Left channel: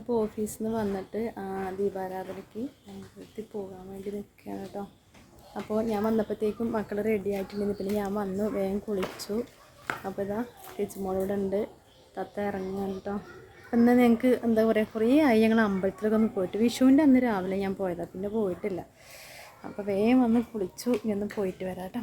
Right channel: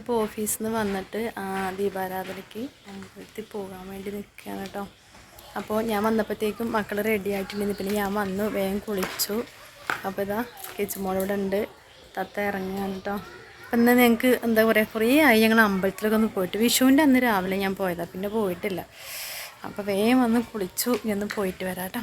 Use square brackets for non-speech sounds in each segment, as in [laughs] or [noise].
ഞങ്ങളിപ്പോൾ ഓഫീസിൽ നിന്ന് വന്നിട്ട് ദീപാരാധനയ്ക്ക് അമ്പലത്തിൽ പോകാൻ വേണ്ടി നിൽക്കുകയാണ് കേട്ടോ അപ്പോൾ ഞാൻ വന്നപ്പോഴത്തേക്കും മക്കൾ റെഡി ആയിട്ടുണ്ടെന്ന് പിന്നെ ഞാൻ വന്നു വേഗം കുളിച്ചു. അപ്പോൾ ഇതാ കിച്ചുമോളിവിടെ ഉണ്ട് തത്ത ഇറങ്ങുകയാണ് കേട്ടോ അപ്പം എന്നാൽ ഞങ്ങൾക്ക് എന്താ പറയുക കുറേ ആയി ഞങ്ങൾ അമ്പലത്തിലൊക്കെ ഒന്ന് പോയിട്ട്. വിഷുവിന്റെ അന്ന് രാവിലെ ഞാൻ പോയതാണ് പിന്നെ പോയിട്ടില്ല. അപ്പോൾ വേഗം വന്ന് കുളിച്ചു ഇനി പോയിട്ട് വരാം കേട്ടോ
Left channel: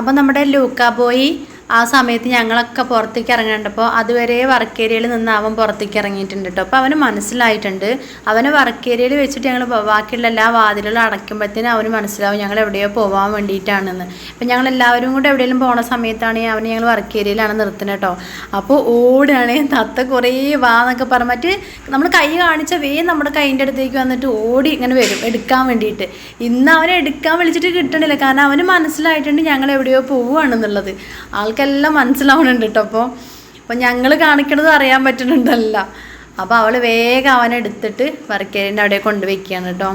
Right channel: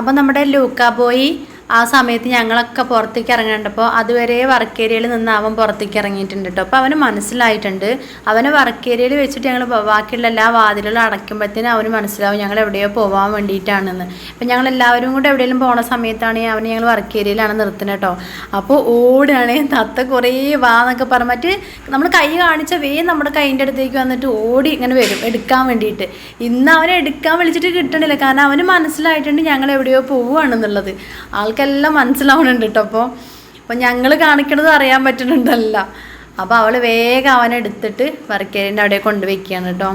അപ്പോൾ നമ്മുടെ ലൂക്ക ബോയി ആ സമയത്ത് ഞങ്ങളൊക്കെ പുറത്തേക്ക് ഇറങ്ങേണ്ടപ്പോൾ അതുവരെ വർക്ക് ഏരിയയിൽ നിന്ന് അവൻ പുറത്തേക്ക് ഇറങ്ങിയിട്ടുണ്ട് കേട്ടോ. അപ്പോൾ അവന് മനസ്സിലായിട്ടുണ്ട്. അവനെ വർക്ക് ഏരിയയിൽ വെച്ചിട്ട് ഞങ്ങൾ ബാക്കിയുള്ള എല്ലാ വാതിലുകളും അടയ്ക്കുമ്പോഴത്തേനും അവന് മനസ്സിലാവും ഞങ്ങൾ എവിടെയോ പോകാൻ വേണ്ടിയിട്ടാണെന്ന്. അപ്പം ഞങ്ങൾ എല്ലാവരും കൂടെ എവിടെയെങ്കിലും പോണ സമയത്താണ് അവന് ഞങ്ങൾ വർക്ക് ഏരിയയിലാണ് നിർത്തുന്നത് കേട്ടോ. അപ്പോൾ ഓടുകയാണ് തത്ത കുറേ വാ എന്നൊക്കെ പറഞ്ഞ് മറ്റ് നമ്മൾ കൈ കാണിച്ച വേ നമ്മുടെ കൈന്റെ അടുത്തേക്ക് വന്നിട്ട് ഓടി ഇങ്ങനെ വരും എടുക്കാൻ വേണ്ടിയിട്ട്. ഇന്ന് അവനെ എടുക്കാൻ വിളിച്ചിട്ട് കിട്ടണില്ല. കാരണം അവന് മനസ്സിലായിട്ടുണ്ട് ഞങ്ങൾ എവിടെയോ പോവുകയാണെന്നുള്ളത്. ആൾക്കെല്ലാം മനസ്സിലാവണുണ്ട് കേട്ടോ അപ്പോൾ അപ്പോൾ ഞങ്ങൾ കാണിക്കണത് അറിയാൻ പറ്റുന്നുണ്ടല്ല. അപ്പോൾ അവൾ വേഗം അവനെ എടുത്തിട്ട് വർക്കേരിന്റെ അവിടെ കൊണ്ടുവയ്ക്കുകയാണ് കേട്ടോ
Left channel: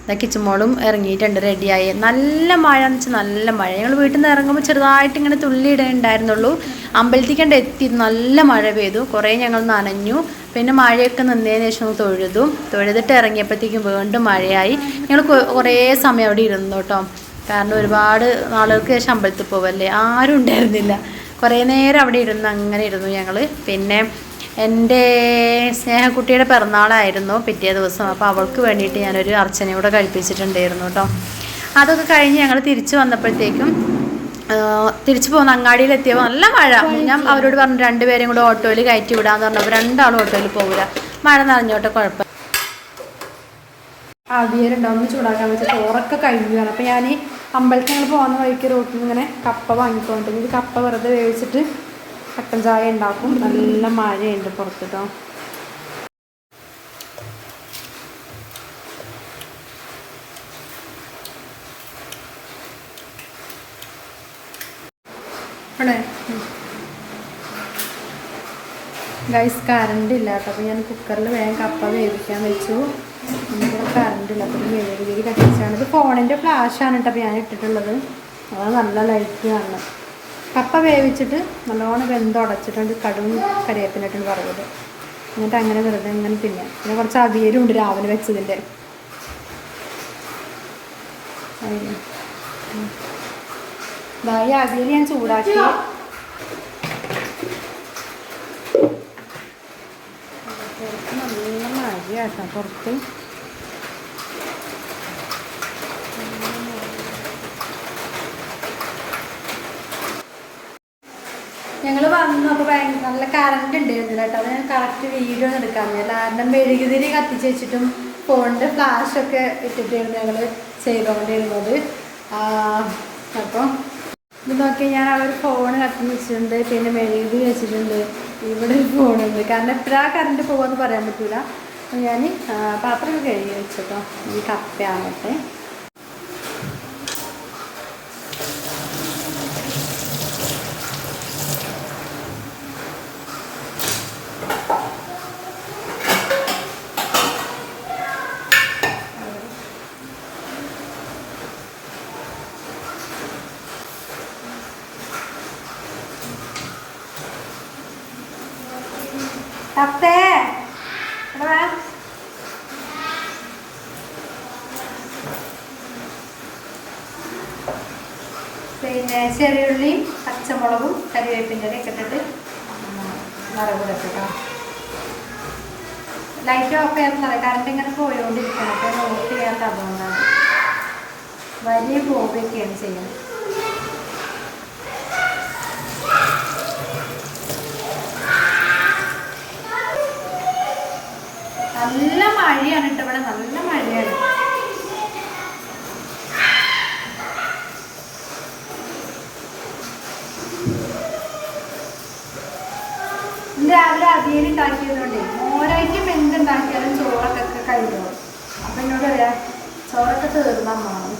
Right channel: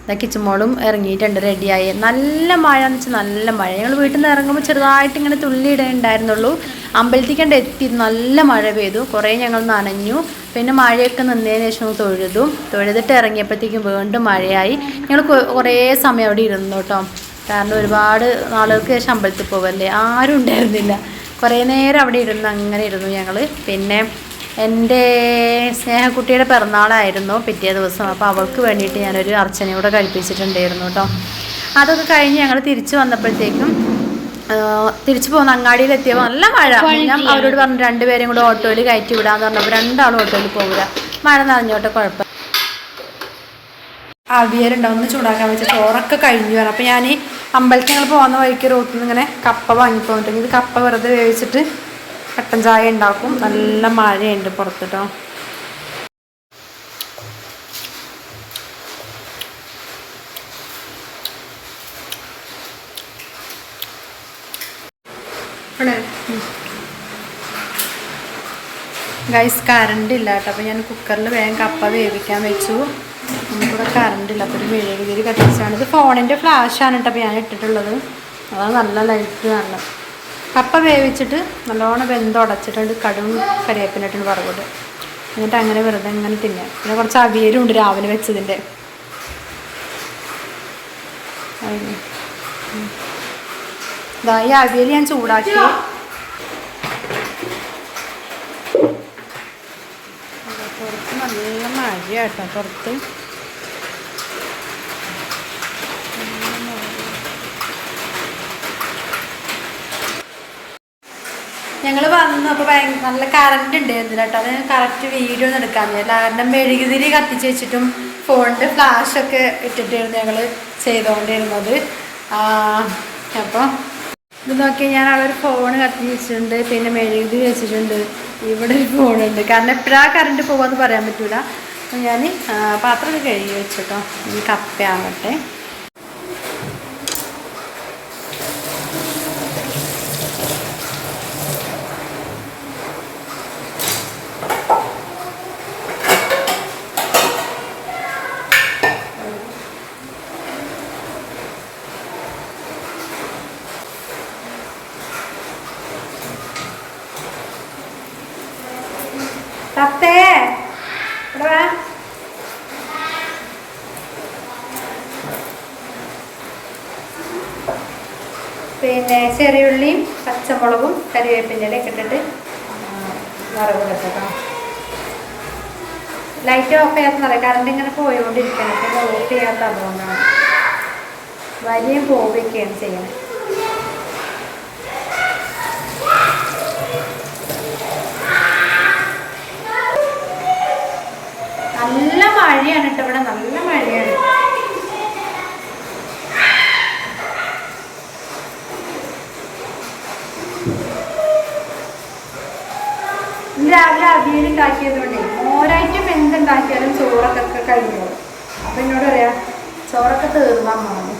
എന്നാൽ കിച്ചുമോളും ഇറങ്ങിയിട്ടുണ്ട് റെഡിയായി നല്ല മഴ എന്ന് വെച്ചാൽ നല്ല മഴ. ഞങ്ങൾ വീട്ടിൽ നിന്ന് ഇറങ്ങുമ്പോൾ ചെറുതായിട്ട് ഇങ്ങനെ തുള്ളിയിടേ ഉണ്ടായിരുന്നുള്ളൂ അമ്പലത്തിക്കണ്ട് എത്തി നല്ല മഴ പെയ്തു. കുറേ ഞങ്ങൾ നനഞ്ഞു. പിന്നെ മഴയൊക്കെ നിന്നതിന് ശേഷം തൊഴുതു. തൊഴുതിട്ട് ഇറങ്ങിയപ്പോഴത്തേക്കും വീണ്ടും മഴയായി. ഞങ്ങൾ കുറേ സമയം അവിടെ ഇരുന്നു കേട്ടോ കാരണം ഒരുപാട് നാളുകൾക്ക് ശേഷം അമ്പലത്തിൽ പോവല്ലേ? ആരും ഉണ്ടായിരുന്നില്ല. കുറേ നേരം അവിടെ ഇരുന്ന് അങ്ങനെ ഇരുന്നു ഞങ്ങൾ പിന്നെ എന്റെ സ്നേഹക്കുട്ടിയുടെ പിറന്നാളായിരുന്നു പിറ്റേ ദിവസം. അപ്പോൾ അവൾക്ക് വേണ്ടിയിട്ട് ഞാനൊരു അർച്ചനയോടെ കഴിപ്പിച്ചിട്ടുണ്ടായിരുന്നു കേട്ടോ. അതൊക്കെ കഴിഞ്ഞ് ഞങ്ങൾ തിരിച്ചു വന്നപ്പോഴത്തേക്കും തിരിച്ചു പോകുന്ന അങ്ങാടിയിലെത്തിയപ്പോൾ നല്ല മഴ. ഞാൻ അവരോട് പറഞ്ഞു രണ്ടുപേരും കൂടെ ഓട്ടോയിൽ കയറ്റി വിടാന്ന് പറഞ്ഞപ്പോൾ രണ്ടാളും ഓട്ടോയിൽ പോകില്ല മഴ നനഞ്ഞോട്ടെ കുഴപ്പം. അവിയലുണ്ടാവും ഒന്ന് ചൂടാക്കാൻ വെച്ച ചോറൊക്കെ കഴിഞ്ഞു പറഞ്ഞു. അപ്പോൾ ഞാൻ അമ്പലത്തിൽ ഞങ്ങൾ പോകുന്ന വഴിക്ക് റോട്ടിൽ നിന്ന് ഇങ്ങനെ കപ്പ വാങ്ങിപ്പോയിട്ടുണ്ടെങ്കിൽ ഇത് കപ്പ വെറുതെ വേവിച്ചിട്ട് കട്ടൻ ചായ ഉണ്ടാക്കും. നല്ല മഴയുണ്ട് പുറത്തിട്ടോ. ഗൈസ് കറണ്ട് ഇല്ല കേട്ടോ. അപ്പോൾ ഞാൻ കുക്കറിൽ വേഗം കപ്പ വേവിക്കാൻ വെച്ചു. കറണ്ട് ഇല്ല അപ്പോൾ ഒരു മെഴുകുതിരി കത്തിച്ചാണ് ഇത് ഫോണിന്റെ ഫ്ലാഷാണ് കേട്ടോ ഞാൻ ഇട്ടിട്ടുള്ളത്. അതാണ് നല്ല ലൈറ്റ് നല്ല കപ്പ വേവിച്ചിട്ട് നല്ലോണം വെന്തുടച്ചിട്ടുണ്ട് കടും കരിയേപ്പിനിട്ടുണ്ട് വറവിട്ട് എന്നിട്ട് അങ്ങനെ വെറുതെ അങ്ങനെ തിന്നാം. പിന്നെ കുറച്ച് അവിയലും ഉണ്ട് രാവിലെ വെച്ചതിന്റെ ഈ അവിയൽ ഞാൻ ചൂടാക്കി. പുറത്ത് നല്ല മഴയാട്ടോ. പുറത്ത് ഞങ്ങൾ വന്നു അപ്പോൾ നല്ല കറണ്ട് ഉണ്ടായിരുന്നില്ല കേട്ടോ അത് കറക്റ്റ് വീഡിയോ ഒന്നും എടുക്കാൻ കാരണം മെഴുകുതിരി കത്തിച്ച് വെച്ചിട്ടും ഫോണിന്റെ ഫ്ലാഷൊക്കെ ഇട്ടിട്ടായിരുന്നു ഞങ്ങൾ ചെയ്തുകൊണ്ടിരുന്നത് അപ്പോൾ ഇത് നോക്കി ഞാൻ അവിടെ ഒരു ഫോൺ കത്തിച്ച് വെച്ചിട്ടുണ്ട് പിന്നെ മെഴുകുതിരി വെച്ചിട്ടുണ്ട്. ഇവിടെ ഒരു ഫോണുണ്ട് കാരണം എപ്പോഴാണ് കറണ്ട് പോകുമെന്ന് പറയാൻ പറ്റൂല. അപ്പം ഞാൻ പാത്രമൊക്കെ കഴുകി വെച്ചിട്ടോ. ഈ കപ്പയാവട്ടെ. തത്തേ. ഇവിടെ വേണം പിന്നെ ചെറിയുള്ളിയും പച്ചമുളകും കരിവേപ്പിന്റെ ഇലയൊക്കെ ഇട്ടിട്ട് വറവിടട്ടോ ലൈറ്റ് ഓഫ് ചെയ്യാത്ത പറയാം. കറണ്ട് ഇങ്ങനെ പോയോണ്ടിരിക്കണം ഓഫ് ചെയ്യാൻ തന്നോന്നാണ്. വലിയ പോവുകയൊക്കെയാണ് ചെയ്യുന്നത് മഴയാണ് കേട്ടോ ഇവിടെ നല്ല മഴയാണ്. രാവിലെ അവിയൽ ഉണ്ടാക്കിയതുകൊണ്ട് മോരായിട്ടും എന്തുണ്ടാക്കിയാലും ചോറൊക്കെ കഴിഞ്ഞു. കഴിഞ്ഞോളും അപ്പൊ എന്നോട് പറയാ ചോറൊക്കെ തീർന്നാൽ മാറി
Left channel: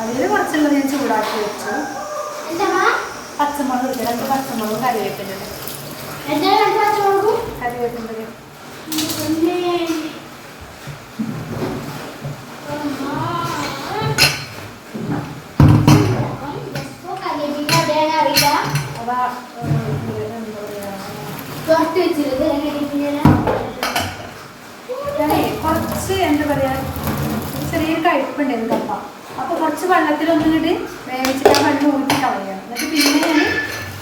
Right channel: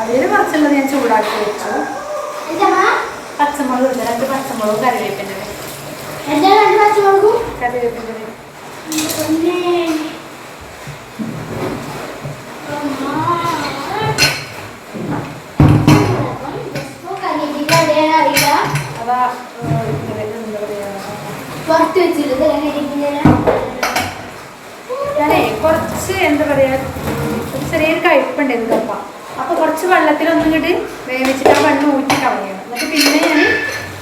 അവിയൽ കുറച്ചുള്ളത് ഞാൻ ചൂടാക്കി വെച്ചു. പച്ചമുളക് രണ്ട് പച്ചമുളകും കറിവേപ്പിന്റെ കറിവേപ്പിന്റെ പുറത്ത് വെച്ചിരുന്നത് കുറച്ച് എന്താ പറയാ ചെറിയൊരു കഴിപ്പുണ്ടായിരുന്നു കപ്പ അപ്പൊ കുറച്ച് വെള്ളത്തിൽ ഒന്നും ഇങ്ങോട്ട് വേവിച്ചിട്ട് ആ വെള്ളം ഊറ്റി കളയണം. എന്നിട്ട് പിന്നെ ഞാൻ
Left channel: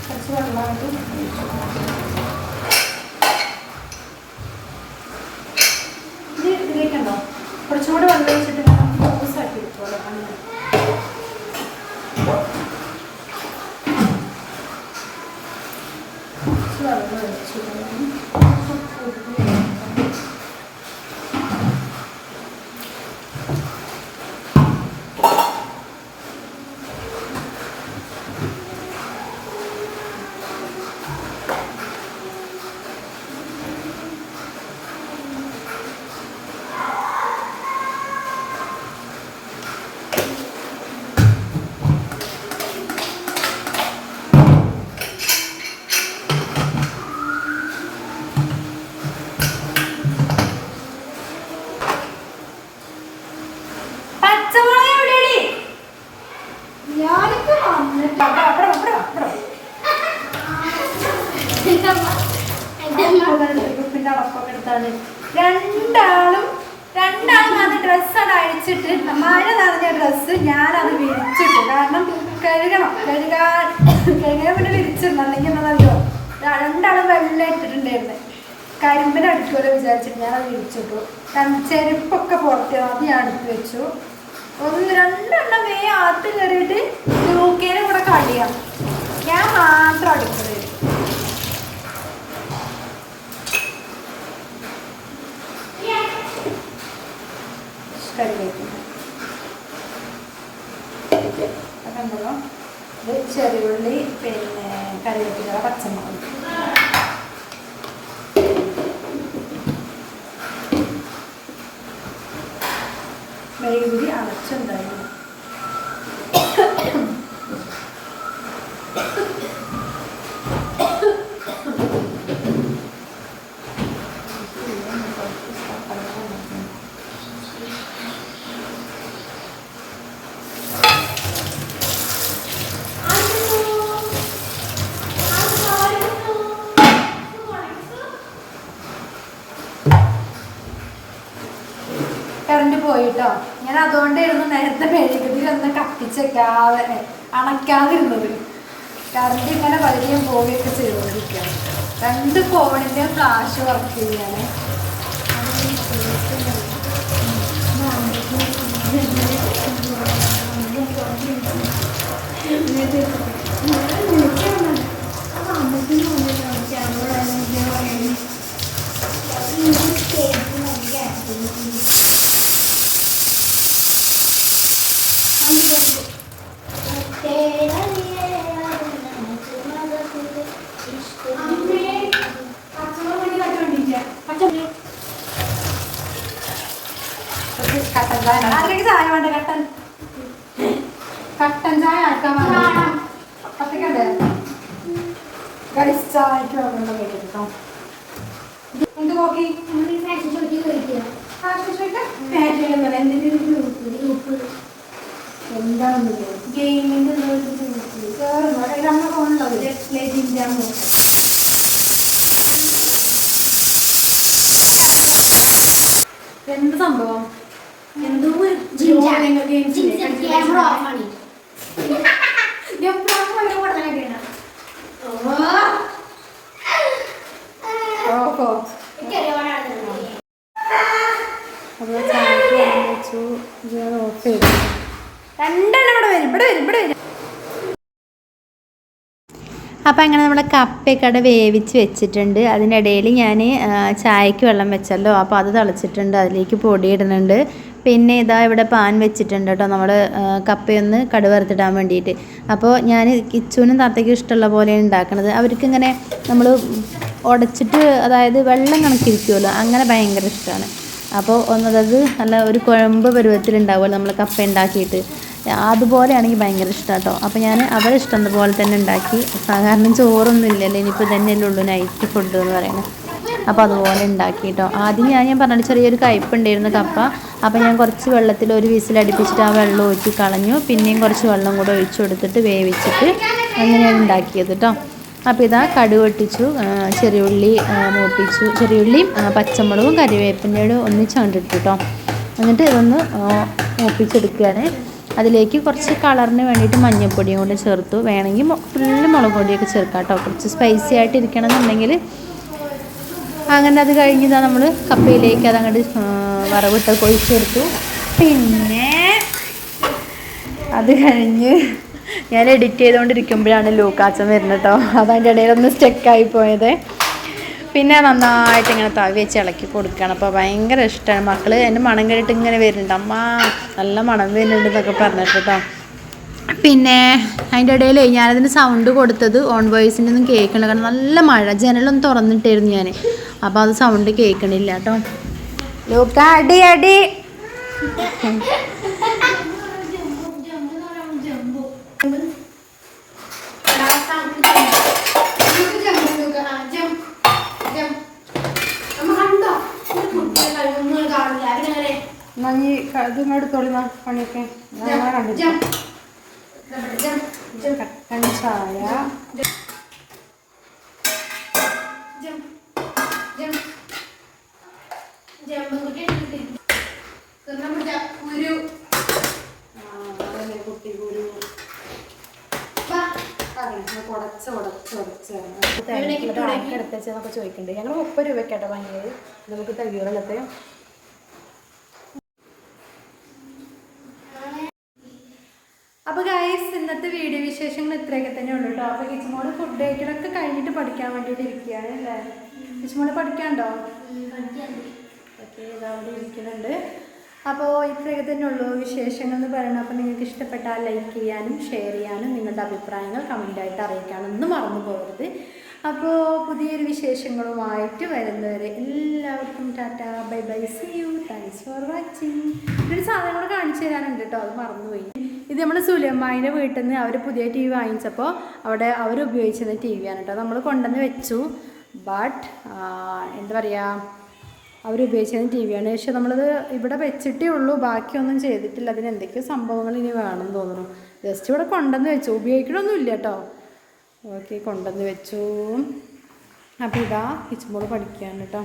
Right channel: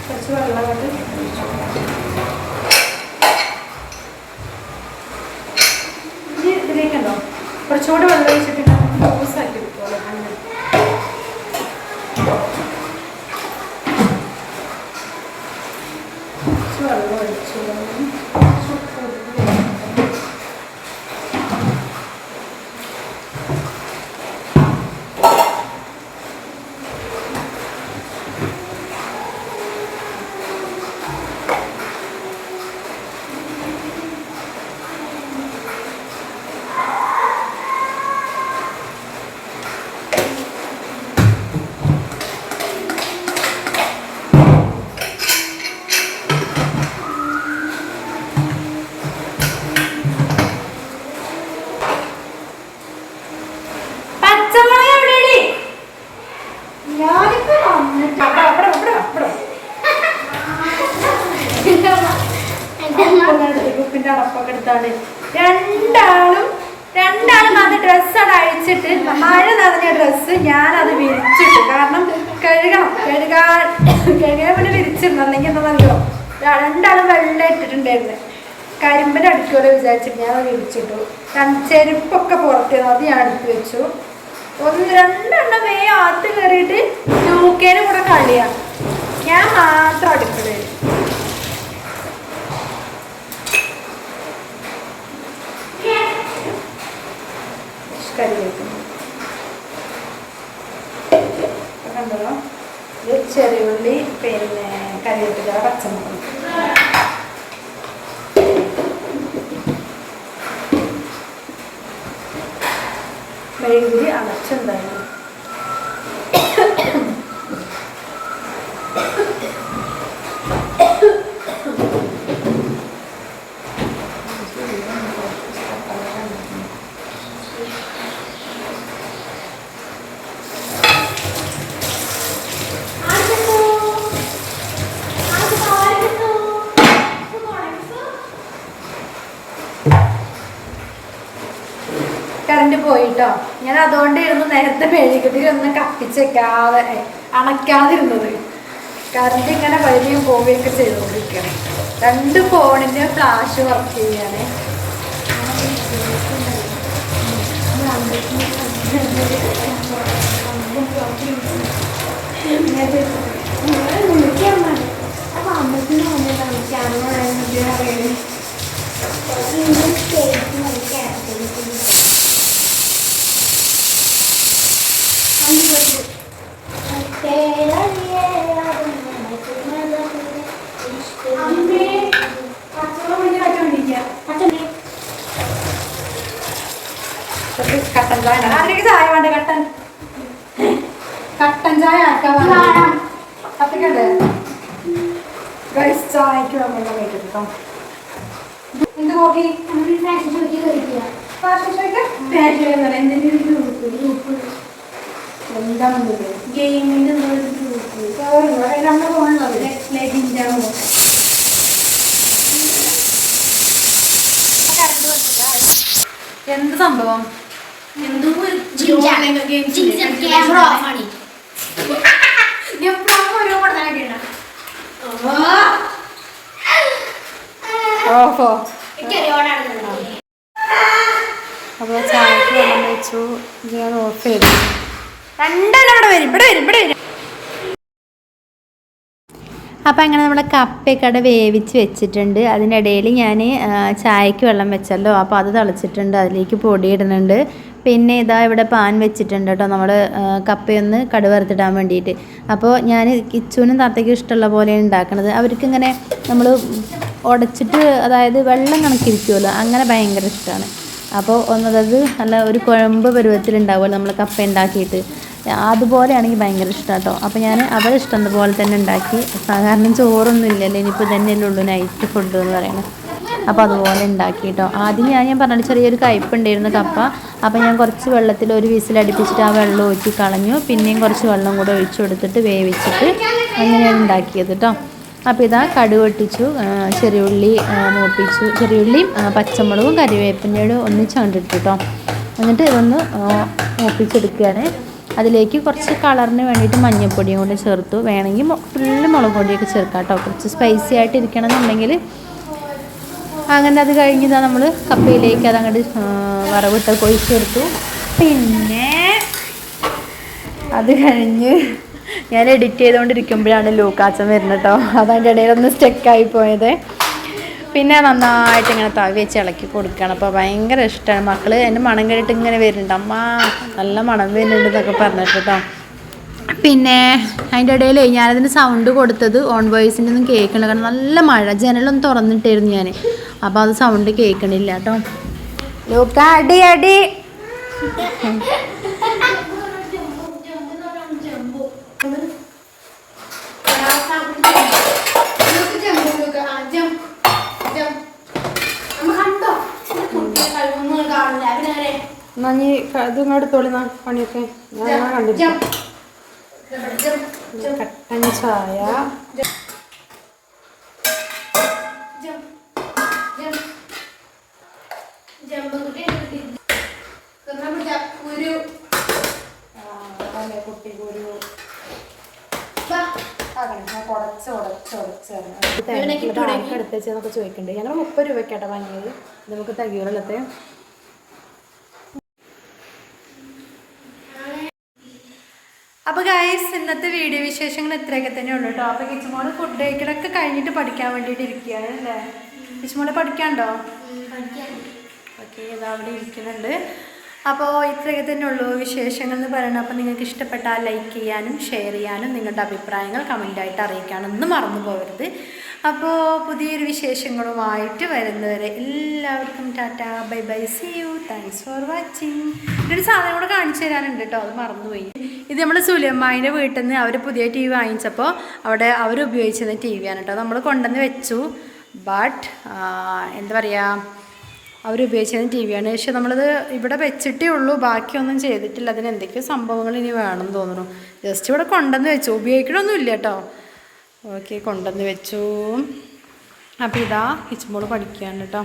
കുറച്ച് വെള്ളം കൊണ്ട് കുറച്ചുകൂടി വെള്ളം ഒഴിച്ചിട്ട് എടുത്താണ് രണ്ടാളും രണ്ടാളും അത് ഡ്രസ്സാണ് അയച്ചിട്ട് മഴ നനഞ്ഞ ഡ്രസ്സ് ഞാനത് വിരിച്ചിട്ട്. കാരണം കഴുകണം. കഴുകാൻ കഴുകാൻ വേണ്ടി വിരിച്ചിരുന്നു അല്ലെങ്കിൽ എന്താണെന്നറിയോ രണ്ടാളും വെള്ളം ഇട്ടിട്ടുണ്ടായിരുന്നു. കരിമ്പൻ അടിക്കുമല്ലോ വിചാരിച്ചിട്ട് ഞാൻ അത് വിരിച്ചിട്ടു. ചെരുപ്പൊക്കെ പുറത്ത് അത് ഞാൻ എടുത്ത് വെച്ചു. ഒന്ന് രണ്ടെണ്ണം വേ ആത്ത് കയറിയിട്ട് യൂക്കേനും കൂടെ കളിയാണ് ഞാൻ മാത്രം അടുക്കളയിൽ. കറിവേപ്പില കണ്ടോ ഇത് ചെറിയുള്ളി പിന്നെ കറിവേപ്പില പച്ചമുളക്. മെഴുകി അടച്ചുണ്ടായിരുന്നു കറണ്ട് പോയിട്ടോ ഞാൻ അതുകൊണ്ടായിരുന്നു നേരത്തെ മെഴുകുതിരി ഒന്ന് കത്തിച്ചേക്കാതെ അണയ്ക്കാതിരുന്നത്. കറണ്ട് ഇങ്ങനെ വരികയും പോവുകയൊക്കെ ചെയ്തുകൊണ്ടിരിക്കുകയാണ്. രണ്ട് ഫോണിന്റെ ഫ്ലാഷ് വർക്ക് ചെയ്യാണ്. [laughs] Thank ചായ അതിലേക്ക് ചായ വേണ്ട കട്ടൻ ചായ ആക്കാൻ അത്രക്കണ്ടേ ഗൈസ് ചായക്ക് വന്നിട്ട് കേട്ടോ എന്ത് നോക്കി ഫാഷൻ ഷോയ്ക്ക് ഫാഷൻ എന്താണ് എന്തിന്റെ എന്താണെന്ന് ഗെയിമിന്റെ നമ്മുടെ ഫോണിലുണ്ടാവില്ലേ ലെജിന്റെ എന്ത് സംഭവം? എന്തോ ആണ് ഓഹോ എനിക്കറിയാവുന്ന അപ്പോൾ ചായക്ക് വെള്ളം വെച്ചു ഇത് ഞാൻ ഓഫ് ചെയ്തു രണ്ടെണ്ണം ഇവിടെ വരും ഇവിടെ വരും ഇവിടെ വരും. അപ്പോൾ അങ്ങനെ നമ്മുടെ കപ്പയൊക്കെ അവിടെ വേവിച്ച് വെച്ചിട്ടുണ്ട്. അതിനിടയിൽ ഞാൻ ചായക്ക് വെള്ളം വെച്ചല്ലോ. അപ്പോൾ അത് തിളച്ചിട്ടുണ്ട് അതിലേക്ക് പൊടി ഇടുന്നുണ്ട്. പിന്നെ ഇതാ ഇവിടെ പാൻ വെച്ചിട്ടുണ്ട് കേട്ടോ. നമ്മൾ കപ്പയൊന്ന് കടുവറുത്തിടാൻ വേണ്ടിയിട്ട്. അപ്പോൾ ഞാൻ കിച്ചുവിനും താത്തയ്ക്കും ഇഷ്ടമുള്ള പോലെയാണ് ഉണ്ടാക്കുന്നത് അവർക്കിങ്ങനെ നമ്മൾ ഉടച്ചിട്ട് അതായത് വെള്ളം കണക്കിരിക്കുമല്ലോ അങ്ങനെ ഭയങ്കര ഇഷ്ടമാണ്. അപ്പോൾ ഒന്നതത് നല്ല ഒരു കുഴമ്പ് പരുവത്തിലുണ്ടാവുമല്ലോ നമ്മൾ കപ്പ ഉണ്ടാക്കിയിട്ട്. അതുപോലെയാണെങ്കിൽ ഭയങ്കര ഇഷ്ടം കേട്ടോ അപ്പോൾ ഞാൻ അവരെ ഇഷ്ടം പോലെ തന്നെ ഉണ്ടാക്കി. സാധാരണ ചോറൊന്നും ഇല്ലല്ലോ. ഇനിയിപ്പോൾ തന്നെയല്ലേ ഉള്ളൂ നൈറ്റ് ഫുഡ് എന്ന് പറയുന്നത്. അപ്പോൾ അതുപോലെ ഉണ്ടാക്കി കേട്ടോ ആദ്യം ഞാൻ ഞാൻ പറഞ്ഞ ചെറിയൊരു കയ്പുണ്ടായിരുന്നു കപ്പ. അപ്പോൾ ഞാൻ കുറച്ച് വെള്ളത്തിൽ ഒരു വിസിൽ അടുപ്പിച്ചിട്ട് ആ വെള്ളം ഊറ്റി കളഞ്ഞു. പിന്നെയും കുറച്ച് വെള്ളം കൂടെ ഒഴിച്ചു കൊടുത്തിട്ട് വേവിച്ചിട്ട് അങ്ങനെയാണ് ഉണ്ടാക്കിയത് കേട്ടോ അപ്പോൾ ഇതാ കടുക് പൊട്ടിച്ചു ആ, ചെറിയുള്ളി മൂപ്പിച്ചു. ചെറിയുള്ളിയും പച്ചമുളകും കറിവേപ്പിന്റെ ഒന്നിച്ച് കണ്ടിട്ടു കേട്ടോ എന്നിട്ട് ഇതൊന്ന് മൂപ്പിച്ചെടുക്കുകയാണ്. അതിലേക്ക് കുറച്ച് കളറിന് വേണ്ടിയിട്ട് മഞ്ഞൾപ്പൊടിയും കൂടെ ചേർത്തു. വേണമെങ്കിൽ ഫുള്ള് മുളക് പൊടിയൊക്കെ ചേർക്കാം കേട്ടോ കുറച്ച് സ്പൈസി ആയിട്ട് ഇരിക്കണം എന്നുണ്ടെങ്കിൽ അങ്ങനെ അത് കഴിഞ്ഞതാ നമ്മൾ കപ്പയിലേക്ക് അത് അങ്ങോട്ട് വറവിട്ടൊക്കെ ചേർത്തു പിന്നെ അത് കഴിഞ്ഞ് ഞാൻ എഡിറ്റ് ചെയ്തുകൊണ്ടിരിക്കുമ്പോഴാണ് ലൂക്കാച്ചൻ വരുന്നത് കേട്ടോ അതതിന്റെ ഇടയിൽ ഒന്ന് സ്റ്റെക്കായി പോയത്. പിന്നെ നന്നായിട്ട് ഇങ്ങനെ തവി വെച്ച് ഇളക്കി കൊടുക്കുകയാണ് അപ്പോൾ ഭയങ്കര ഇഷ്ടമാണ് മക്കൾ എന്റെ മണം കേട്ടിട്ട് ഇങ്ങനെ വരുന്നുണ്ട്. അമ്മ നല്ല മണം വരുന്നുണ്ട് എന്നൊക്കെ പറഞ്ഞിട്ട് കേട്ടോ പിന്നെ അതിന്റെ ഇടയിൽ ഞാനതിന് സൗണ്ട് കൊടുത്തത് ഓൺ വോയിസിന്റെ ഒന്നും കേൾക്കണില്ല. കാരണം നല്ല മഴ. ജനലൊന്നും തുറന്നിട്ടായിരുന്നു ഞാൻ അപ്പോൾ അത് സൗണ്ട് കേൾക്കണില്ല കേട്ടോ ലൂക്ക അടി അടി. എന്നാ നീ ഇതും നാ പണിയൊക്കെ. ഞാൻ കട്ടൻ ചായ. ചോദിക്കുന്നുണ്ട്. ഞങ്ങൾ മുപ്പത് രൂപയ്ക്കാട്ടോ വാങ്ങിയത്. നമുക്ക് തയ്യോളത്തെ അപ്പോൾ ഗൈസ് ഇന്നത്തെ വീഡിയോ വിശേഷങ്ങൾ ഇത്രയൊക്കെ തന്നെ ഉള്ളൂ കേട്ടോ അപ്പോൾ കിച്ചുമോൾ ഫുഡ് കഴിക്കലൊക്കെ കഴിഞ്ഞിട്ട് പഠിക്കാൻ വേണ്ടിയിട്ട് ഇരിക്കുകയാണ് അല്ലേ? കിച്ചുമോൾ പഠിക്കാണ്ടോ ഓക്കെ അവിടെ ഇരിക്കുന്നുണ്ട്. അപ്പോൾ ഇത്രയൊക്കെ തന്നെ ഉള്ളൂ വിശേഷങ്ങൾ എന്ന് പറയുന്നത്. അപ്പോൾ നിങ്ങൾക്ക് ഇഷ്ടപ്പെട്ടാൽ ലൈക്ക് ചെയ്യാനും ഷെയർ ചെയ്യാനും നിങ്ങളുടെ അഭിപ്രായങ്ങൾ കമന്റായിട്ട് അറിയിക്കാനൊന്നും മറന്നു പോകരുത്. അപ്പോൾ പുതിയൊരു വിശേഷങ്ങളുമായിട്ട് വരുന്നവരെ എല്ലാവർക്കും tata bye bye see you. Thanks for watching ഒരു സാധനം കൂടെ കാണിച്ചു തരാനുണ്ട് കേട്ടോ അത് മറന്നുപോയി. ഇത് നമ്മൾ സുലമ്മായിന്റെ വീട്ടിൽ നിന്ന് അവർ പുതിയ ടി വി വാങ്ങിച്ചപ്പോൾ അവിടെ അവർ ഉപയോഗിച്ചിരുന്ന ടി വിയാണ് കേട്ടോ. നമ്മൾ കൊണ്ടുവന്ന് വെച്ചു. ബട്ട് എന്താ പറയുക അവർ ഉപയോഗിച്ചിരുന്ന ടി വിയാണ് പക്ഷെ നമ്മളത് ഇവിടെ വെച്ചിട്ടേ ഉള്ളൂ ബാക്കിയൊന്നും ചെയ്തിട്ടില്ല. അതിന് എന്തൊക്കെയോ സംഭവങ്ങൾ ഇനി വേണമെന്ന് തോന്നുന്നു. ജസ്റ്റ് ഇവിടെ കൊണ്ടുവന്ന് വെച്ചു. ഉപയോഗിക്കണമൊന്നുമില്ല കേട്ടോ. ഓക്കെ കൊണ്ടുവന്ന് വെച്ചു. അപ്പോൾ ഇതാ കിച്ചുമ്പോൾ പഠിക്കുകയാണ് കേട്ടോ.